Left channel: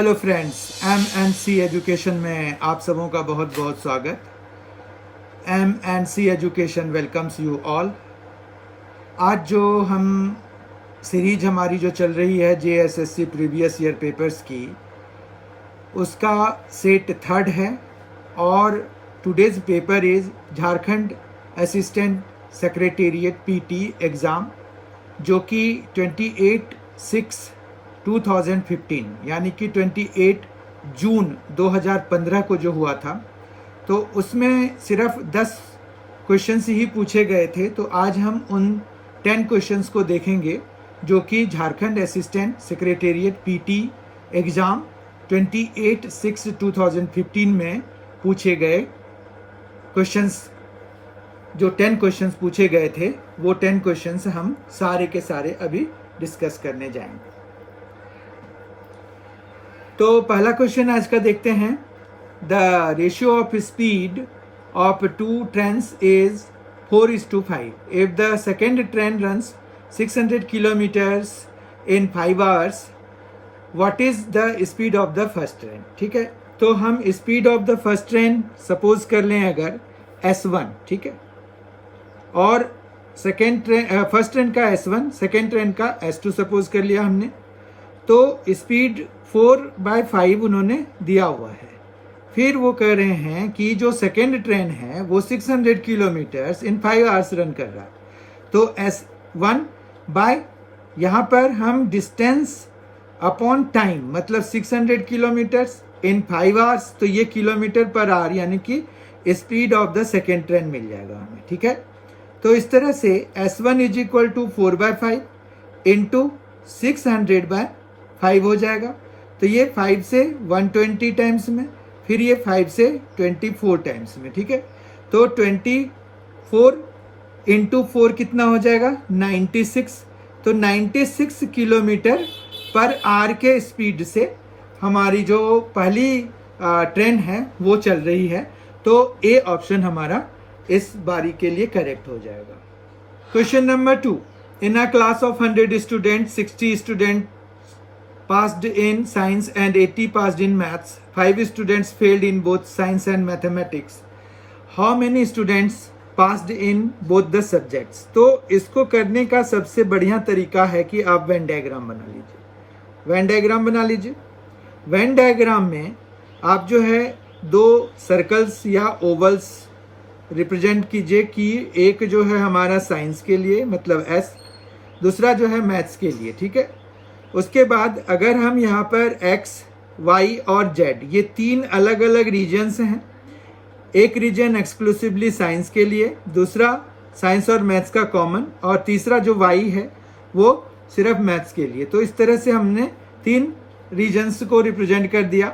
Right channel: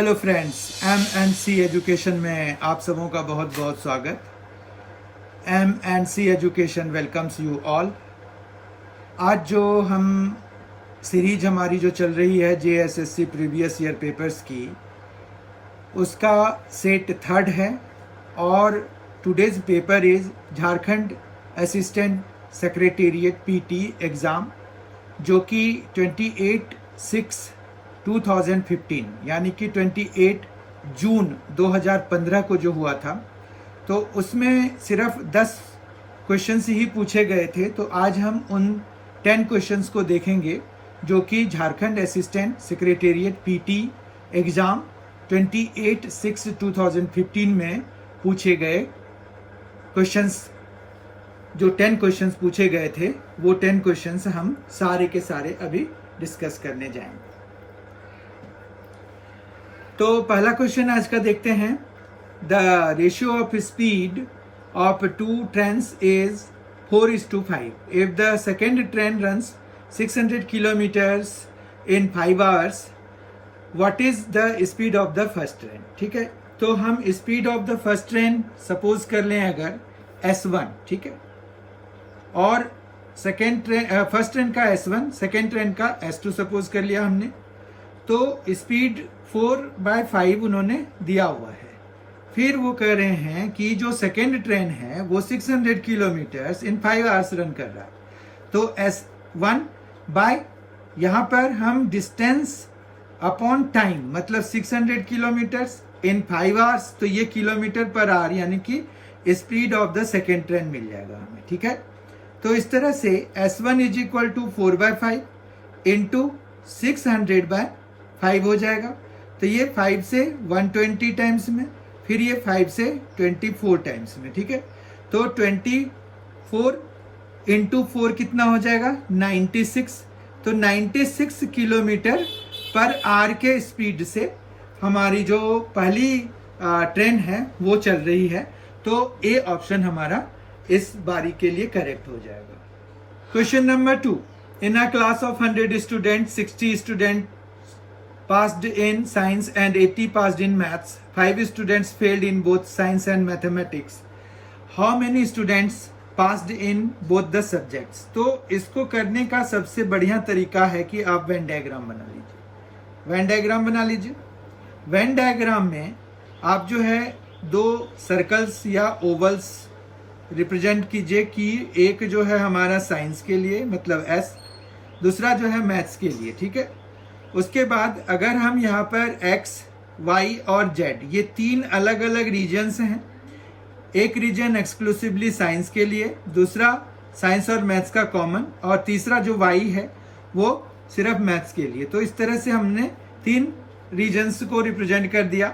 Hello friends, MNC education में आप सबों का बहुत बहुत स्वागत। MNC education welcomes you all. आज जो हम सीरीज हमारी जो चल रही है JSSC प्रीवियस ईयर पेपर्स की, उसका सेट थर्ड है और today's paper is Jharkhand assistant secretariat PT exam, जो कि 28/6/2015 यानी कि 28 जून 2015 को जो हुआ था, तो उसमें सिर्फ 10 क्वेश्चंस ही पूछे गए थे। तो आज हम उन 10 क्वेश्चंस को देखेंगे जो कि Jharkhand assistant secretariat PT exam 28/6/2015 में पूछे गए क्वेश्चंस। जो 10 क्वेश्चंस पूछे गए थे, वो 10 क्वेश्चंस हम सारे के सारे अभी डिस्कस करने जाएंगे। तो पहला क्वेश्चन आज का देखते हैं। The ratio of speed of two trains is 4:5। If the second train runs 600 kilometers in 5 hours, what is the speed of the first train. ठीक है, तो हम speed of the first train suppose कर लें अगर S1, ठीक है, और सेकेंड ट्रेन फर्स्ट ट्रेन का S1, सेकेंड ट्रेन का S2 सपोज कर लिया हमने। तो स्पीड 4/5 उन्होंने दिया हुआ है। फिर वो कह रहे हैं कि जो सेकेंड ट्रेन है वो 600 किलोमीटर्स इन 5 आवर्स रन कर रहा है। तो S1 बाय, यहाँ पर हम डिस्टेंस अपॉन टाइम, मतलब 600 किलोमीटर्स इन 5 आवर्स, तो ये किलोमीटर पर आवर यानी कि speed of the second train मिल जाएगा हमें। ठीक है, तो इस तरह से S1 is equal to 4/5 into 600/5 हो जाएगा। तो ये 5 से 120 टाइम्स में, फिर ये 5 से 24 टाइम्स में। ठीक है, तो 24 इंटू 4 कितना हो जाएगा, 96। तो 96 किलोमीटर पर आवर के स्पीड से हमारी जो पहली ट्रेन है वो चल रही है। तो ए ऑप्शन हमारा इस बारी के लिए करेक्ट हो जाएगा। Question number 2। In a class of 100 student, 60 student passed in science and 80 passed in maths. 5 students failed in both science and mathematics. How many students passed in both the subjects? तो इसको करने का सबसे बढ़िया तरीका है कि आप वेन डायग्राम बना लीजिए। वेन डायग्राम बना लीजिए। वेन डायग्राम में आप जो है 2 सर्कल्स या ओवल्स रिप्रेजेंट कीजिए कि एक जो है हमारा साइंस के लिए मतलब S, दूसरा जो है मैथ्स के लिए। ठीक है, उसके बाद अगर हम यहाँ पर X, Y और Z, ये 3 अलग अलग रीजन्स हैं। एक रीजन एक्सक्लूसिवली साइंस के लिए, दूसरा साइंस और मैथ्स का कॉमन, और तीसरा जो Y है वो सिर्फ मैथ्स के लिए। तो इस तरह से हमने 3 रीजन्स को रिप्रेजेंट कर दिया।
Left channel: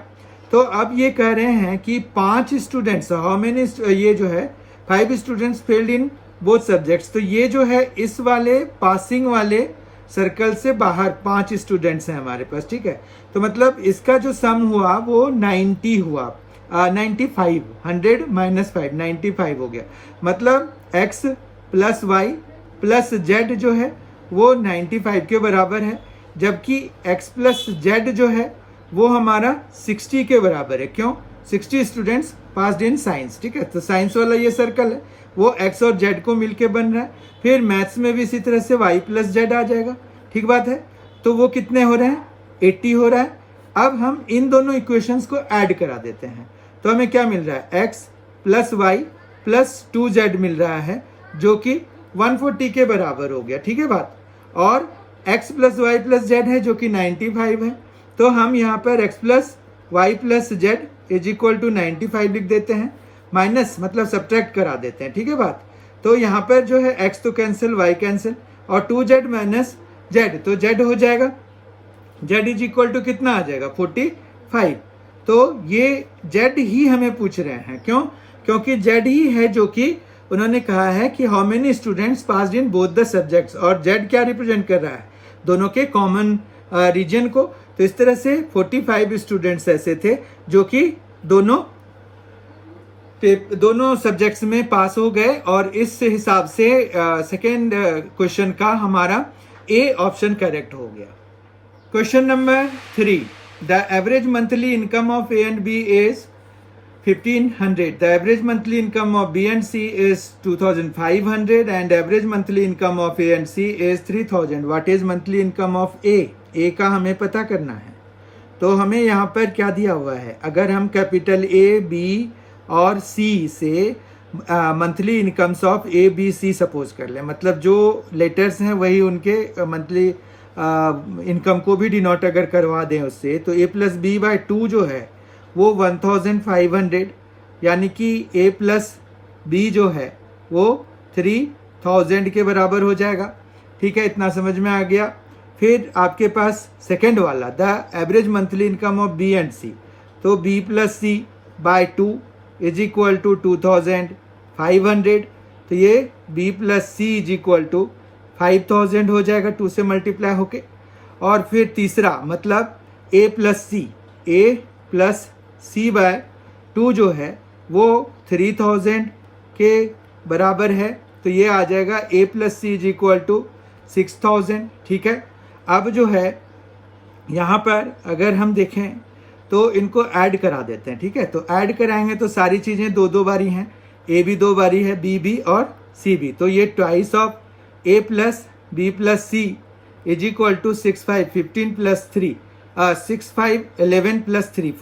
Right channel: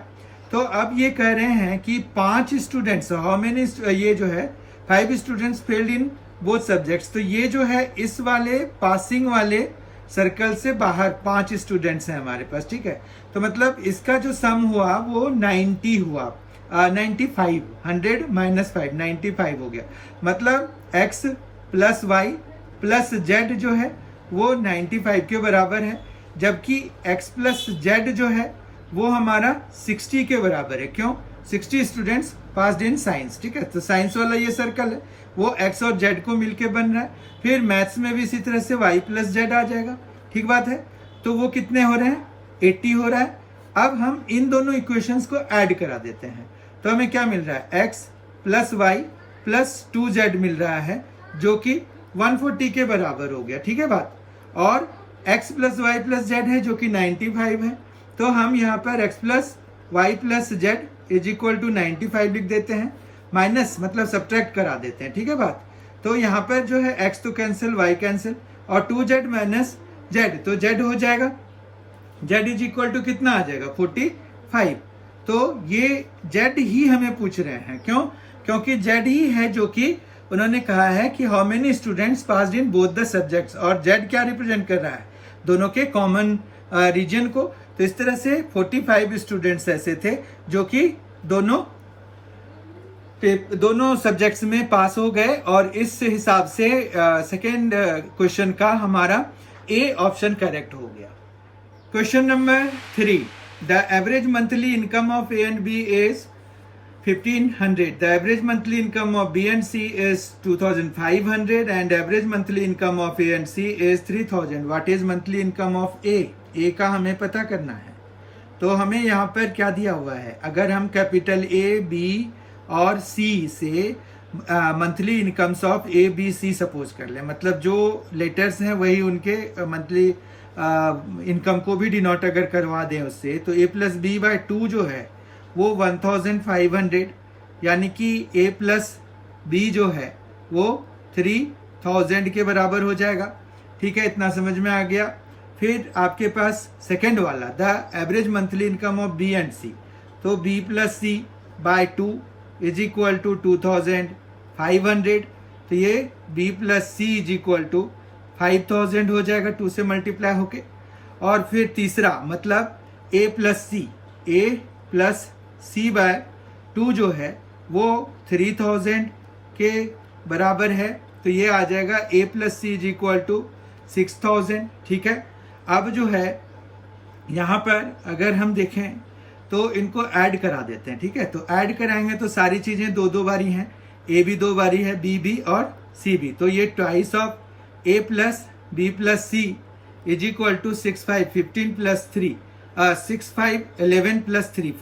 तो अब ये कह रहे हैं कि 5 स्टूडेंट्स, हाउ मेनी, ये जो है 5 students failed in both subjects. तो ये जो है इस वाले पासिंग वाले सर्कल से बाहर 5 स्टूडेंट्स हैं हमारे पास। ठीक है, तो मतलब इसका जो सम हुआ वो 90 हुआ, 95, 100 - 5, 95 हो गया। मतलब X plus Y plus Z जो है वो 95 के बराबर है, जबकि X प्लस Z जो है वो हमारा 60 के बराबर है। क्यों? 60 स्टूडेंट्स पास्ड इन साइंस। ठीक है, तो साइंस वाला ये सर्कल है वो X और Z को मिलके बन रहा है। फिर मैथ्स में भी इसी तरह से Y प्लस Z आ जाएगा। ठीक बात है, तो वो कितने हो रहे हैं, 80 हो रहा है। अब हम इन दोनों इक्वेशंस को ऐड करा देते हैं, तो हमें क्या मिल रहा है, X plus Y plus 2Z मिल रहा है, जो कि 140 के बराबर हो गया। ठीक है बात, और X plus Y plus Z है जो कि 95 है। तो हम यहाँ पर X plus Y plus Z is equal to 95 लिख देते हैं, माइनस मतलब सब्ट्रैक्ट करा देते हैं। ठीक है बात, तो यहाँ पर जो है X तो कैंसिल, Y कैंसिल, और 2Z माइनस Z, तो Z हो जाएगा, Z इज इक्वल टू कितना आ जाएगा, 45। तो ये Z ही हमें पूछ रहे हैं। क्यों? क्योंकि Z ही है जो कि उन्होंने कहा है कि how many students passed in both the subjects, और Z क्या रिप्रेजेंट कर रहा है, दोनों के कॉमन रीजन को। तो इस तरह से 45 स्टूडेंट्स ऐसे थे जो कि दोनों सब्जेक्ट्स में पास हो गए, और इस हिसाब से सेकेंड क्वेश्चन का हमारा ए ऑप्शन करेक्ट हो गया। Question number 3। The average monthly income of A and B is 1500. The average monthly income of B and C is 2500 and average monthly income of A and C is 3000. What is monthly income of A? A का हमें पता करना है। तो हमें यहाँ पर क्या दिया हुआ है, अगर हम कैपिटल A, B और C से monthly incomes of A, B, C suppose कर लें, मतलब जो लेटर्स हैं वही उनके मंथली इनकम को भी डिनोट अगर करवा दें उससे, तो A प्लस B बाय 2 जो है वो 1500, यानी कि A प्लस B जो है वो 3000 के बराबर हो जाएगा। ठीक है, इतना समझ में आ गया। फिर आपके पास सेकंड वाला, the average monthly income of B and C, तो B plus C by 2 is equal to 2500, तो ये B plus C is equal to 5000 हो जाएगा 2 से मल्टीप्लाई होके। और फिर तीसरा मतलब A प्लस C बाय 2 जो है वो 3000 के बराबर है, तो ये आ जाएगा A plus C is equal to 6000। ठीक है, अब जो है यहाँ पर अगर हम देखें तो इनको ऐड करा देते हैं। ठीक है, तो ऐड कराएंगे तो सारी चीजें दो बारी हैं, A भी 2 बारी है, B भी और C भी, तो ये twice of A plus B plus C is equal to 15 plus 3 11 plus 3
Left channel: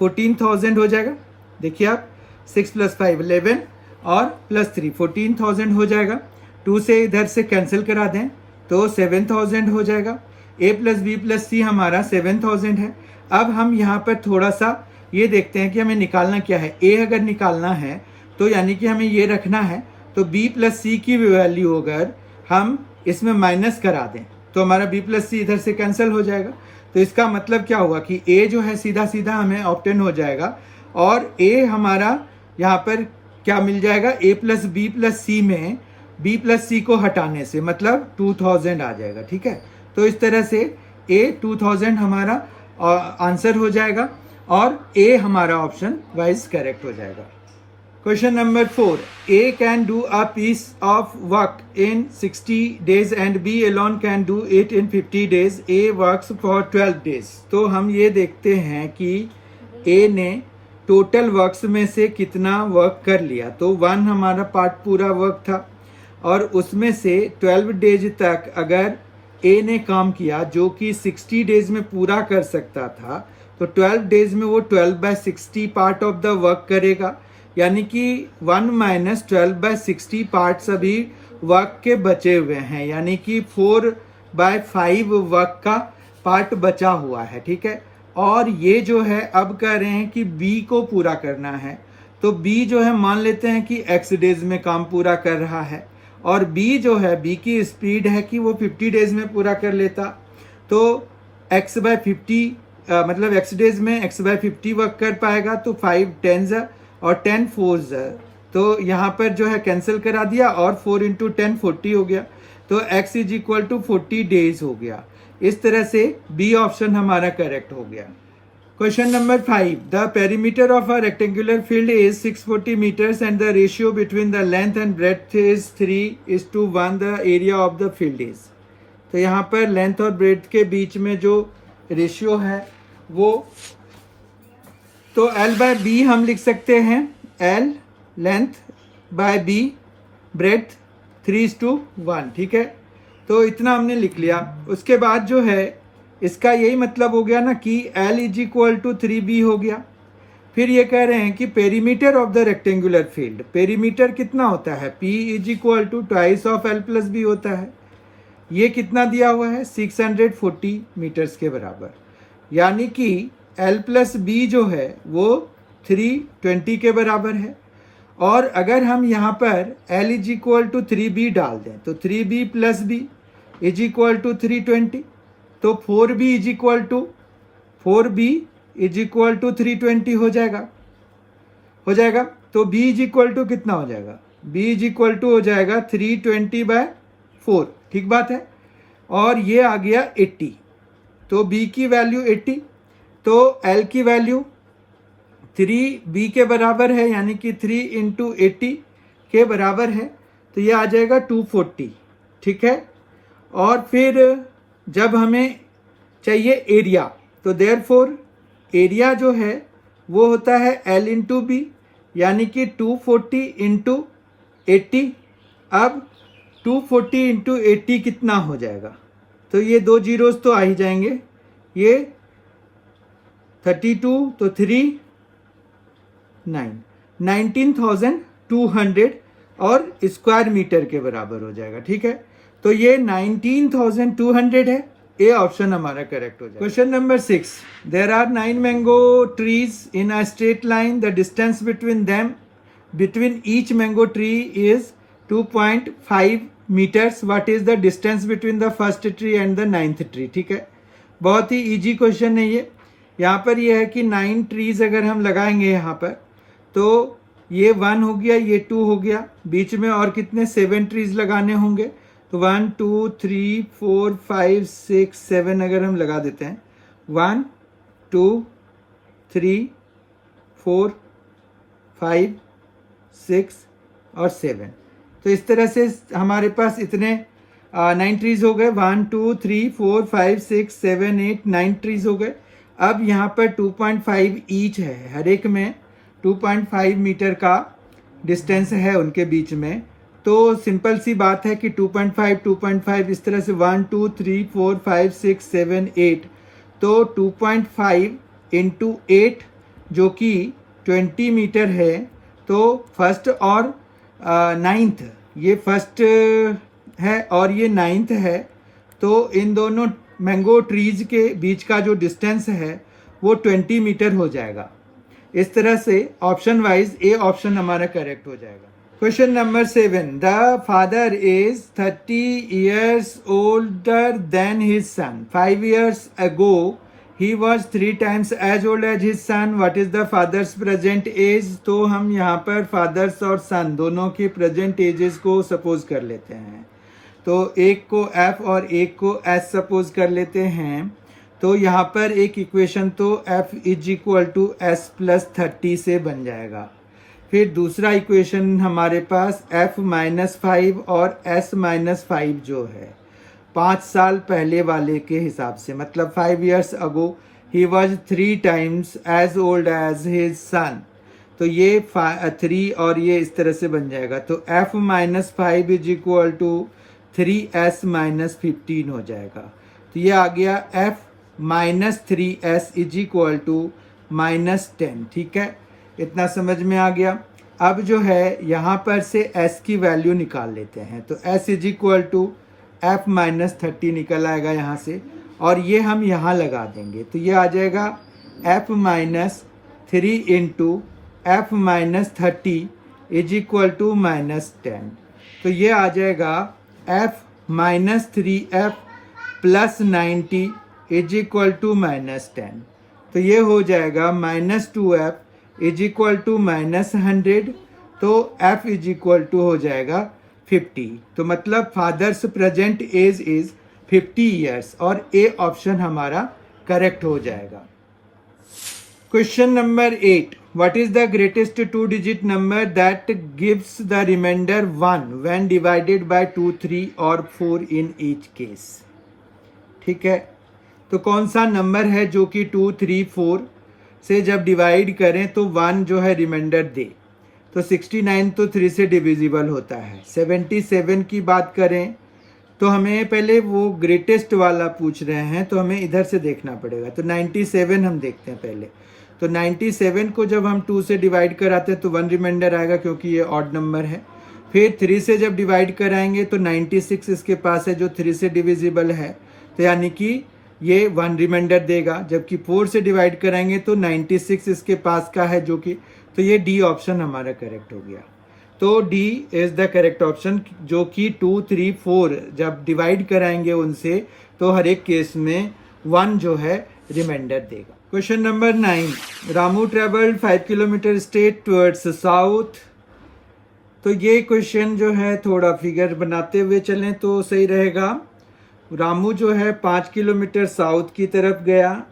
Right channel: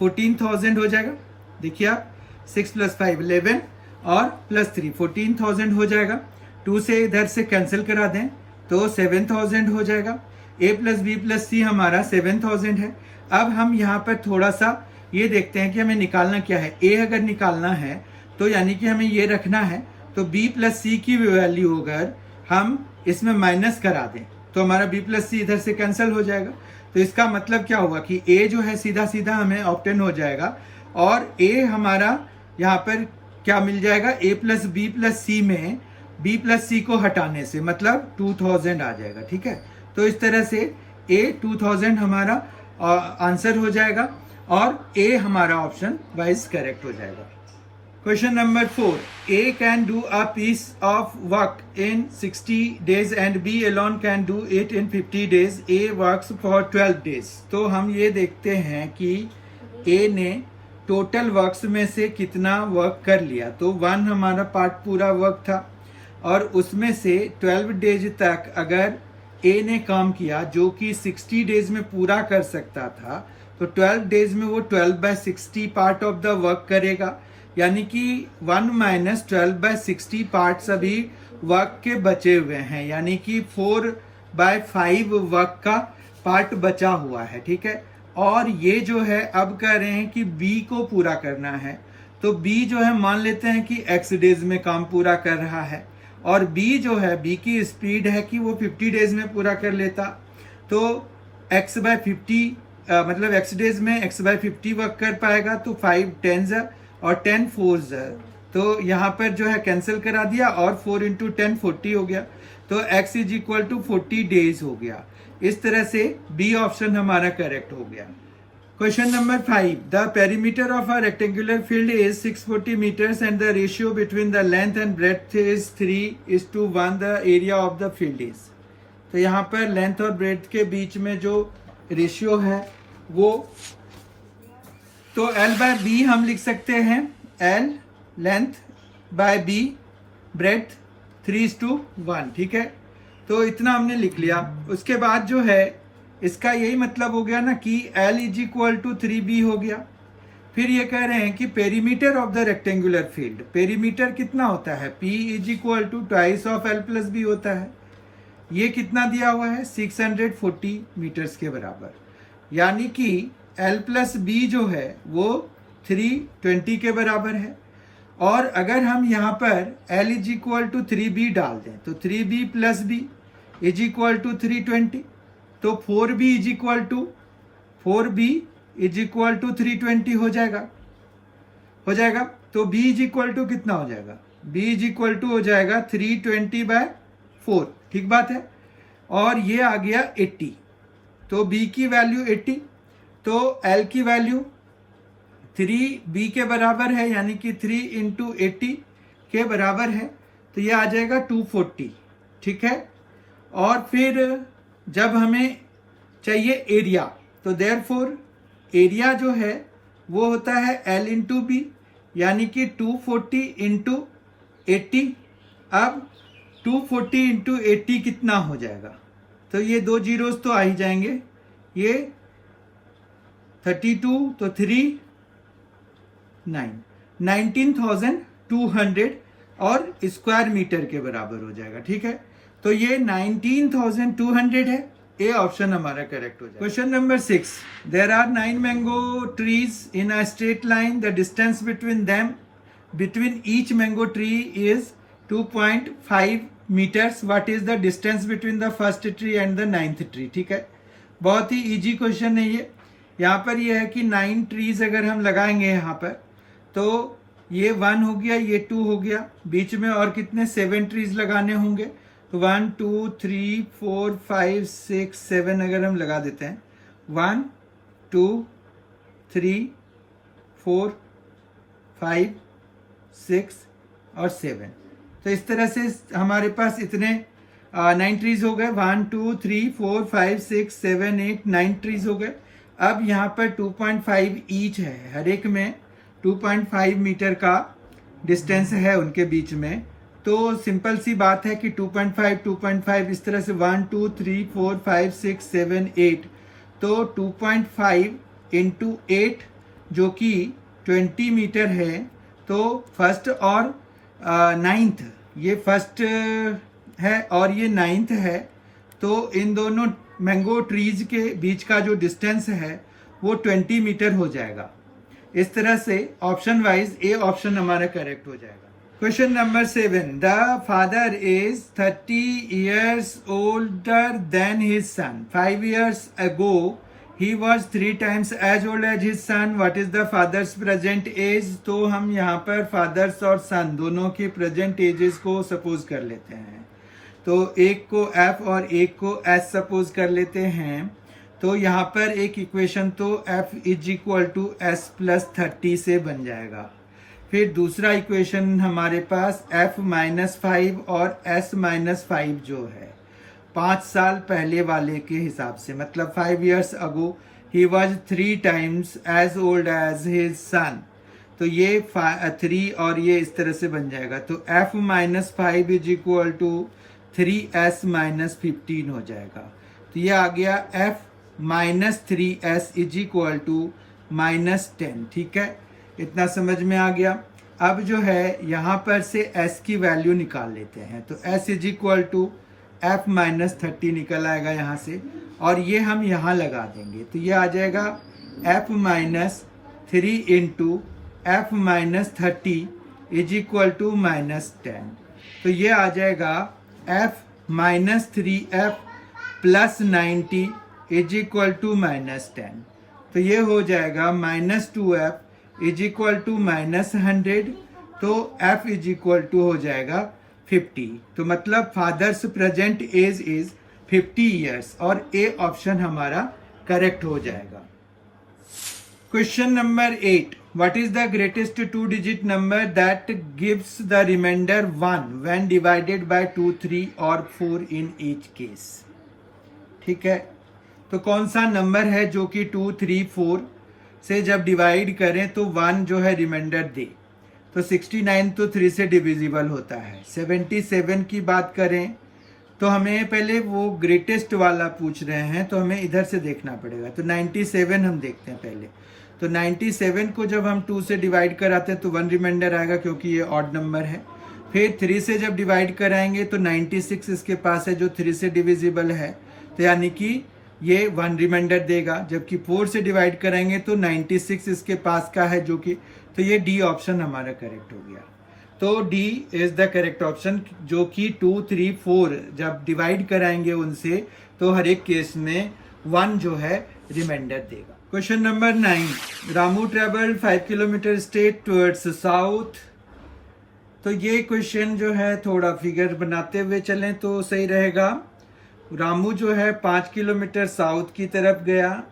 14,000 हो जाएगा। देखिए आप 6 प्लस 5 11 और प्लस 3 14,000 हो जाएगा। 2 से इधर से कैंसिल करा दें तो 7,000 हो जाएगा। A plus B plus C हमारा 7,000 है। अब हम यहाँ पर थोड़ा सा ये देखते हैं कि हमें निकालना क्या है। A अगर निकालना है तो यानी कि हमें ये रखना है, तो B प्लस C की वैल्यू अगर हम इसमें माइनस करा दें तो हमारा B प्लस C इधर से कैंसिल हो जाएगा। तो इसका मतलब क्या होगा कि A जो है सीधा सीधा हमें ऑप्टेन हो जाएगा और A हमारा यहाँ पर क्या मिल जाएगा, A plus B plus C में B प्लस C को हटाने से मतलब 2000 आ जाएगा। ठीक है, तो इस तरह से A 2000 हमारा आंसर हो जाएगा और A हमारा ऑप्शन वाइज करेक्ट हो जाएगा। Question number 4. A can do a piece of work in 60 days and B alone can do it in 50 days. A works for 12 days. तो हम ये देखते हैं कि A ने टोटल वर्क्स में से कितना वर्क कर लिया। तो 1 हमारा पार्ट पूरा वर्क था और उसमें से 12 डेज तक अगर A ने काम किया जो कि 60 डेज में पूरा कर सकता था, तो 12 डेज में वो 12/60 पार्ट ऑफ द वर्क करेगा, यानी कि 1 माइनस 12/60 पार्ट्स अभी वर्क के बचे हुए हैं, यानी कि 4/5 वर्क का पार्ट बचा हुआ है। ठीक है, और ये जो है अब कह रहे हैं कि B को पूरा करना है, तो B जो है मान लेते हैं कि X डेज में काम पूरा कर रहा है और B जो है B की स्पीड है कि वो 50 डेज में पूरा कर लेता, तो X/50 मतलब X डेज में X/50 वर्क कर पाएगा, तो 5 10s और 10 4s, तो यहाँ पर जो है कैंसिल करा दिया और 4 इंटू 10 40 हो गया, तो X is equal to 40 days हो गया। इस तरह से B ऑप्शन हमारा करेक्ट हो गया। Question number 5. The perimeter of a rectangular field is 640 meters and the ratio between the length and breadth is 3:1। The area of the field is, तो यहाँ पर लेंथ और ब्रेड्थ के बीच में जो रेशियो है वो, तो L/B हम लिख सकते हैं L length bye B breadth 3:1। ठीक है, तो इतना हमने लिख लिया। उसके बाद जो है इसका यही मतलब हो गया ना कि L is equal to 3B हो गया। फिर ये कह रहे हैं कि perimeter of the rectangular field, perimeter कितना होता है, P is equal to twice of L plus B होता है। ये कितना दिया हुआ है, 640 मीटर्स के बराबर, यानी कि L प्लस B जो है वो 320 के बराबर है। और अगर हम यहाँ पर L is equal to 3B डाल दें तो 3B plus B is equal to 320, तो 4B इज इक्वल टू 320 हो जाएगा। तो B इज इक्वल टू कितना हो जाएगा, B इज इक्वल टू हो जाएगा 320/4। ठीक बात है, और ये आ गया 80, तो B की वैल्यू 80, तो L की वैल्यू 3B के बराबर है, यानी कि 3 इंटू 80 के बराबर है, तो ये आ जाएगा 240। ठीक है, और फिर जब हमें चाहिए एरिया, तो देयरफॉर एरिया जो है वो होता है L इंटू बी, यानी कि 240 इंटू 80। अब 240 इंटू 80 कितना हो जाएगा, तो ये 2 जीरोस तो आ ही जाएंगे, ये 32 तो 3 9 19,200 और स्क्वायर मीटर के बराबर हो जाएगा। ठीक है, तो ये 19,200 है, ए ऑप्शन हमारा करेक्ट हो जाएगा। Question number 6, there are 9 mango trees in a straight line, the distance between each mango tree is 2.5 meters, what is the distance between the first tree and the 9th tree. ठीक है, बहुत ही easy question है ये। यहाँ पर ये है कि 9 ट्रीज अगर हम लगाएंगे यहाँ पर, तो ये 1 हो गया, ये 2 हो गया, बीच में और कितने 7 ट्रीज लगाने होंगे, तो 1 2 3 4 5 6 7 अगर हम लगा देते हैं, 1 2 3 4 5 6 और 7, तो इस तरह से हमारे पास इतने 9 ट्रीज हो गए। 1 2 3 4 5 6 7 8 9 ट्रीज हो गए। अब यहाँ पर 2.5 ईच है, हर एक में 2.5 मीटर का डिस्टेंस है उनके बीच में, तो सिंपल सी बात है कि 2.5 इस तरह से 1 2 3 4 5 6 7 8, तो 2.5 इंटू 8 जो कि 20 मीटर है, तो फर्स्ट और 9th, ये फर्स्ट है और ये 9th है, तो इन दोनों मैंगो ट्रीज के बीच का जो डिस्टेंस है वो 20 मीटर हो जाएगा। इस तरह से ऑप्शन वाइज ए ऑप्शन हमारा करेक्ट हो जाएगा। Question number 7, the father is 30 years older than his son. 5 years ago he was 3 times as old as his son. What is the father's present age? तो हम यहाँ पर फादर्स और सन दोनों की प्रेजेंट एजेस को सपोज कर लेते हैं, तो एक को F और एक को S सपोज कर लेते हैं। तो यहाँ पर एक इक्वेशन तो F is equal to S plus 30 से बन जाएगा। फिर दूसरा इक्वेशन हमारे पास F माइनस 5 और S माइनस 5 जो है 5 साल पहले वाले के हिसाब से, मतलब 5 years ago he was 3 times as old as his son, तो ये 3 और ये इस तरह से बन जाएगा। तो F minus 5 is equal to 3S minus 15 हो जाएगा। तो ये आ गया F minus 3S is equal to minus 10। ठीक है, इतना समझ में आ गया। अब जो है यहाँ पर से S की वैल्यू निकाल लेते हैं, तो S is equal to F minus 30 निकल आएगा यहाँ से, और ये हम यहाँ लगा देंगे, तो ये आ जाएगा F minus 3 into F minus 30 is equal to minus 10, तो ये आ जाएगा F minus 3F plus 90 is equal to minus 10, तो ये हो जाएगा minus 2F is equal to minus 100, तो F इज इक्वल टू हो जाएगा 50। तो मतलब father's present age is 50 years, और ए ऑप्शन हमारा करेक्ट हो जाएगा। Question number 8, what is the greatest 2-digit number that gives the remainder 1 when divided by 2, 3 और 4 in each case? ठीक है, तो कौन सा नंबर है जो कि 2, 3, 4 से जब डिवाइड करें तो 1 जो है रिमाइंडर दे। तो 69 तो 3 से डिविजिबल होता है। 77 की बात करें तो हमें पहले वो ग्रेटेस्ट वाला पूछ रहे हैं, तो हमें इधर से देखना पड़ेगा। तो 97 हम देखते हैं पहले। तो 97 को जब हम 2 से डिवाइड कराते हैं तो 1 रिमाइंडर आएगा, क्योंकि ये ऑड नंबर है। फिर 3 से जब डिवाइड कराएंगे तो 96 इसके पास है जो 3 से डिविजिबल है, तो यानी कि ये 1 रिमाइंडर देगा। जबकि 4 से डिवाइड कराएंगे तो 96 इसके पास का है जो कि, तो ये डी ऑप्शन हमारा करेक्ट हो गया। तो D is the correct option, जो कि 2, 3, 4 जब डिवाइड कराएंगे उनसे तो हर एक केस में 1 जो है रिमाइंडर देगा। Question number 9, Ramu travelled 5 kilometre straight towards south. तो ये क्वेश्चन जो है थोड़ा फिगर बनाते हुए चलें तो सही रहेगा। रामू जो है 5 किलोमीटर साउथ की तरफ गया,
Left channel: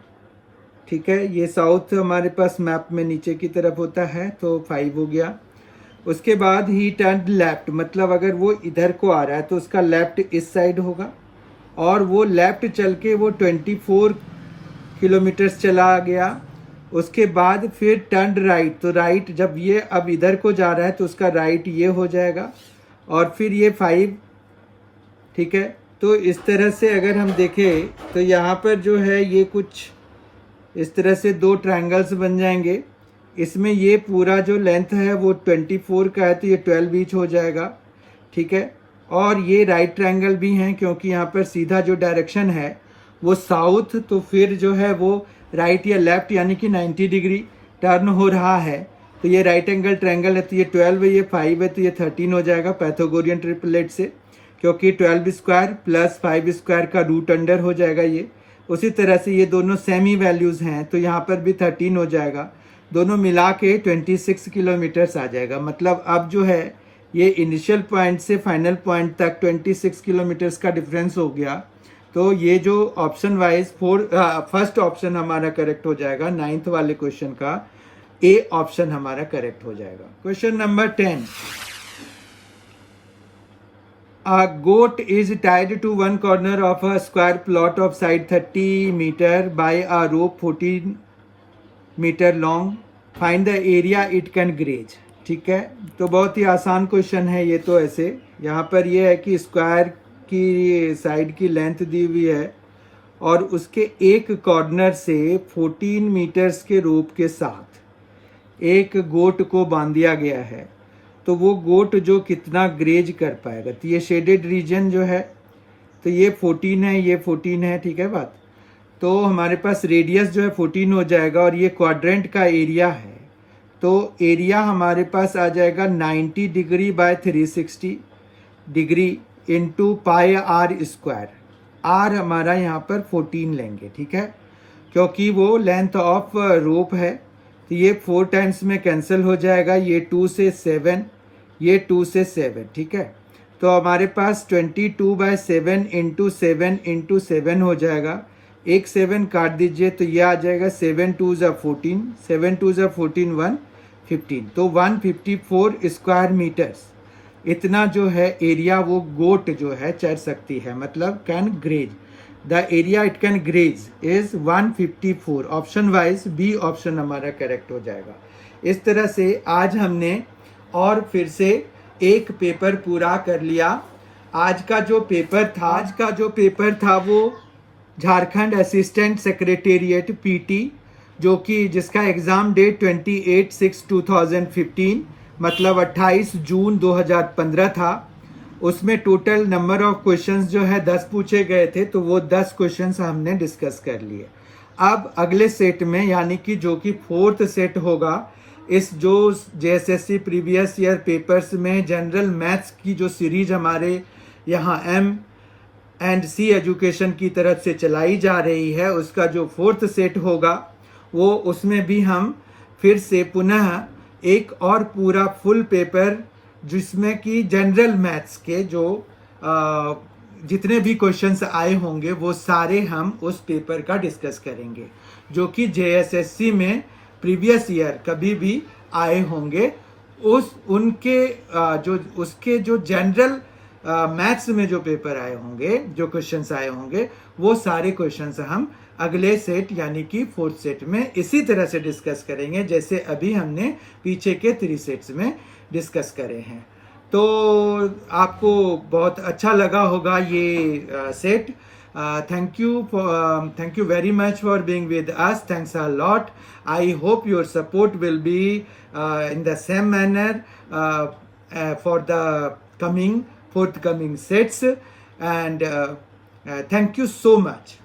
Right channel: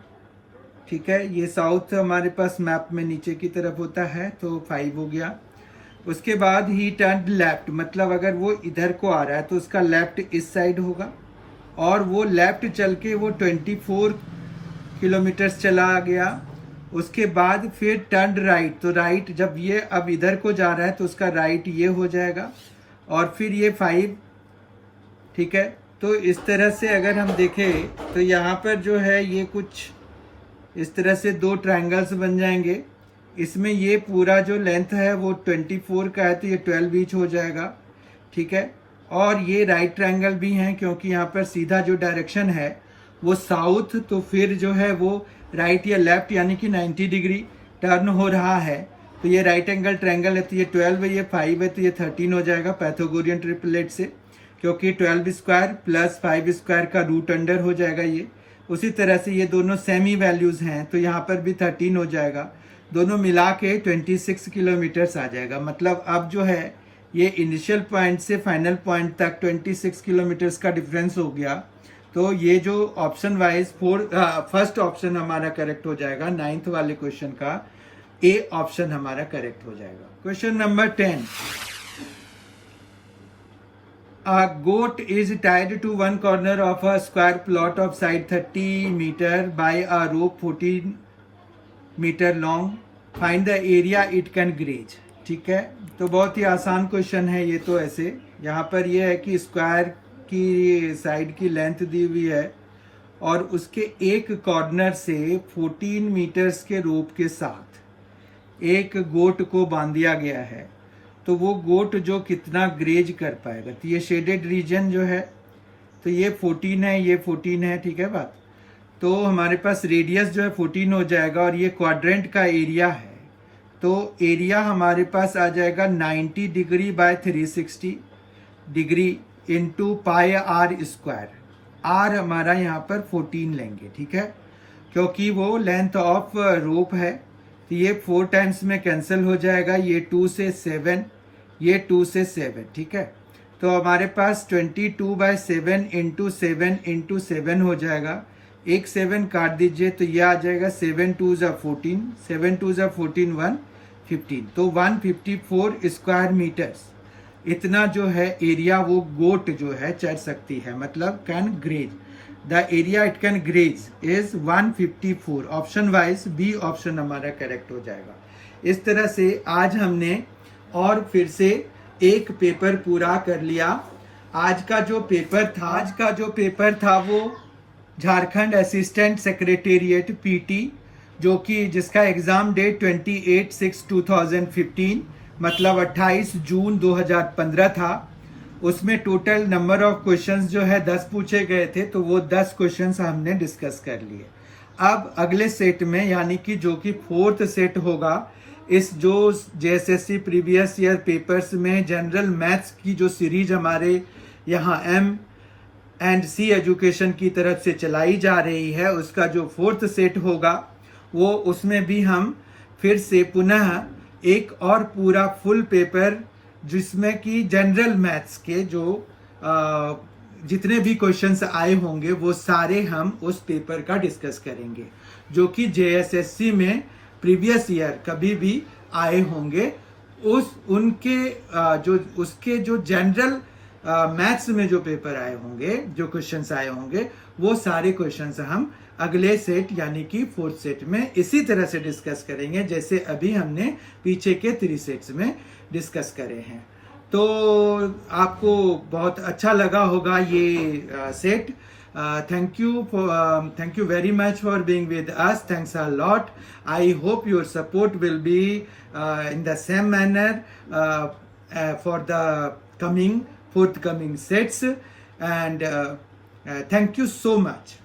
ठीक है, ये साउथ हमारे पास मैप में नीचे की तरफ होता है, तो 5 हो गया। उसके बाद ही टर्न लेफ्ट, मतलब अगर वो इधर को आ रहा है तो उसका लेफ्ट इस साइड होगा, और वो लेफ्ट चल के वो 24 किलोमीटर चला गया। उसके बाद फिर टर्न राइट, तो राइट जब ये अब इधर को जा रहा है तो उसका राइट ये हो जाएगा और फिर ये 5, ठीक है। तो इस तरह से अगर हम देखें तो यहाँ पर जो है ये कुछ इस तरह से दो ट्रायंगल्स बन जाएंगे। इसमें ये पूरा जो लेंथ है वो 24 का है, तो ये 12 ईच हो जाएगा, ठीक है। और ये राइट ट्रायंगल भी हैं क्योंकि यहाँ पर सीधा जो डायरेक्शन है वो साउथ, तो फिर जो है वो राइट या लेफ्ट यानी कि 90 डिग्री टर्न हो रहा है। तो ये राइट एंगल ट्रायंगल है, तो ये 12 है, ये 5 है, तो ये 13 हो जाएगा पैथागोरियन ट्रिपलेट से, क्योंकि 12 स्क्वायर प्लस 5 स्क्वायर का रूट अंडर हो जाएगा ये। उसी तरह से ये दोनों सेमी वैल्यूज हैं, तो यहाँ पर भी 13 हो जाएगा। दोनों मिला के 26 किलोमीटर्स आ जाएगा। मतलब अब जो है ये इनिशियल पॉइंट से फाइनल पॉइंट तक 26 किलोमीटर्स का डिफरेंस हो गया। तो ये जो ऑप्शन वाइज फर्स्ट ऑप्शन हमारा करेक्ट हो जाएगा, 9th वाले क्वेश्चन का ए ऑप्शन हमारा करेक्ट हो जाएगा। Question number 10, A goat is tied to one corner of a square plot of side 30 meter by a rope 14 meter long. Find the area it can graze. ठीक है, तो बहुत ही आसान क्वेश्चन है ये। तो ऐसे यहाँ पर ये है कि स्क्वायर की साइड की लेंथ दी हुई है और उसके एक कॉर्नर से 14 मीटर्स के रोप के साथ एक गोट को बांध दिया गया है। तो वो गोट जो कितना ग्रेज कर पाएगा, तो ये शेडेड रीजन जो है, तो ये 14 है, ये 14 है, ठीक है बात। तो हमारे पास रेडियस जो है 14 हो जाएगा और ये क्वाड्रेंट का एरिया है, तो एरिया हमारे पास आ जाएगा 90 degree by 360 degree into pi r square. R हमारा यहाँ पर 14 लेंगे, ठीक है, क्योंकि वो लेंथ ऑफ रोप है। तो ये 4 टाइम्स में कैंसिल हो जाएगा, ये 2 से 7, ये 2 से 7, ठीक है। तो हमारे पास 22/7 इंटू 7 हो जाएगा। एक 7 काट दीजिए तो ये आ जाएगा 7 2 14, 7 2 14 115, तो 154 स्क्वायर मीटर्स इतना जो है एरिया वो गोट जो है चर सकती है, मतलब can graze. The area it can graze is 154। Option wise B option हमारा करेक्ट हो जाएगा। इस तरह से आज हमने और फिर से एक पेपर पूरा कर लिया। आज का जो पेपर था वो झारखंड असिस्टेंट सेक्रेटेरिएट पीटी, जो कि जिसका एग्जाम डेट 28/6/2015 मतलब 28 जून 2015 था। उसमें टोटल नंबर ऑफ क्वेश्चंस जो है 10 पूछे गए थे, तो वो 10 क्वेश्चंस हमने डिस्कस कर लिए। अब अगले सेट में यानी कि जो कि 4th सेट होगा, इस जो जेएसएससी प्रीवियस ईयर पेपर्स में जनरल मैथ्स की जो सीरीज हमारे यहाँ M&C एजुकेशन की तरफ से चलाई जा रही है, उसका जो 4th सेट होगा वो उसमें भी हम फिर से पुनः एक और पूरा फुल पेपर जिसमें कि जनरल मैथ्स के जो जितने भी क्वेश्चंस आए होंगे वो सारे हम उस पेपर का डिस्कस करेंगे, जो कि जेएसएससी में प्रीवियस ईयर कभी भी आए होंगे। उसके जो जनरल मैथ्स में जो पेपर आए होंगे, जो क्वेश्चंस आए होंगे, वो सारे क्वेश्चंस हम अगले सेट यानी कि 4th सेट में इसी तरह से डिस्कस करेंगे जैसे अभी हमने पीछे के 3 सेट्स में डिस्कस करे हैं। तो आपको बहुत अच्छा लगा होगा ये set. Thank you very much for being with us. Thanks a lot. I hope your support will be in the same manner for the forthcoming sets, and thank you so much.